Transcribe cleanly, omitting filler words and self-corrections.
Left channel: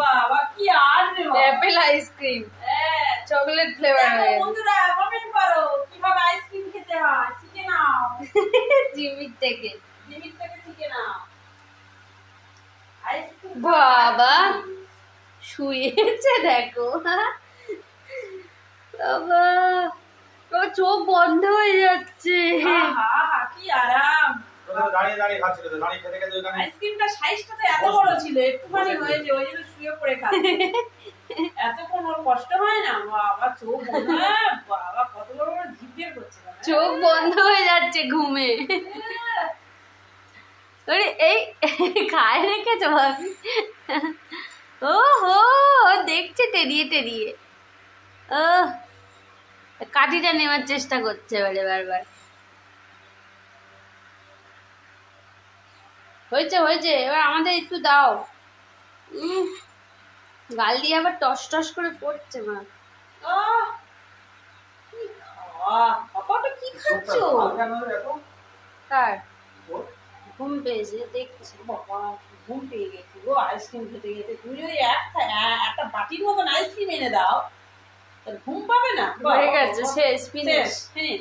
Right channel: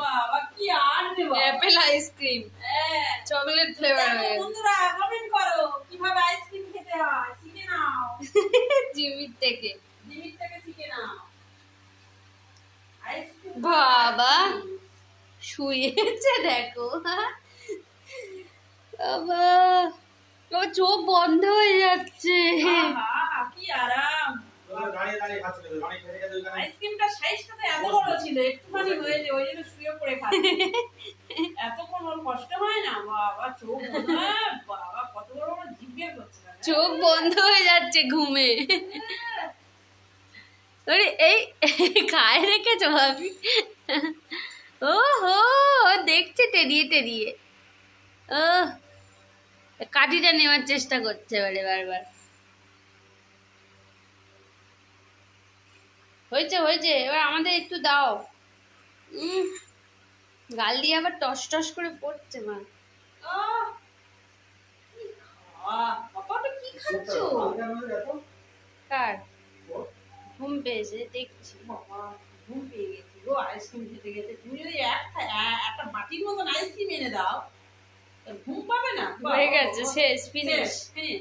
বাবা কি আর দেব Apple ice cream chocolate flavour বন্ধুরা কমেন্ট করো কিভাবে আইসক্রিম খেতে হয় শিখে নাও জিমির থেকে শিখে নাও আইসক্রিম বাবা শুয়েছে দেখো বাবা বাবা চোখ বন্ধ হয়ে যাচ্ছে কি আরাম দাঁড়িয়ে দাঁড়িয়ে খাচ্ছিল তো দাঁড়িয়ে খেতে খেতে ওখানে আইসক্রিমটা সাইজটা তো এত বড় ছিল একটুখানি হয়েছে ওই জন্য শুয়ে পড়ে খাচ্ছে এতক্ষণ ওর কষ্ট হয় না বাবা চোখ বন্ধ বাবা কত বড় বড় জিভ বের করছে চোখ বন্ধ হয়ে যাচ্ছে ঘুমে আরে এই খায় রেখেছো ভাবি ও হো দেখছে টেরিয়ে টেরিয়ে ও কাঠিটা নেওয়ার চেষ্টা করছে এবারে বারবার হয়েছে হয়েছে এবার আমাদের একটু দাও গাল দিয়ে আবার টস টস করে পড়ছে মা পাপাটা কি খাচ্ছো কার ঘুম পেয়েছে দেখছি বাবা ঘুম পেয়ে গেছে গো আইসক্রিম খেতে গেছে তুমি ওই একটা বাটির মতন আইসক্রিম এনে দাও ঘুম পাবে না হয়ে গেছে শেষ ফিনিশ ফিনিশ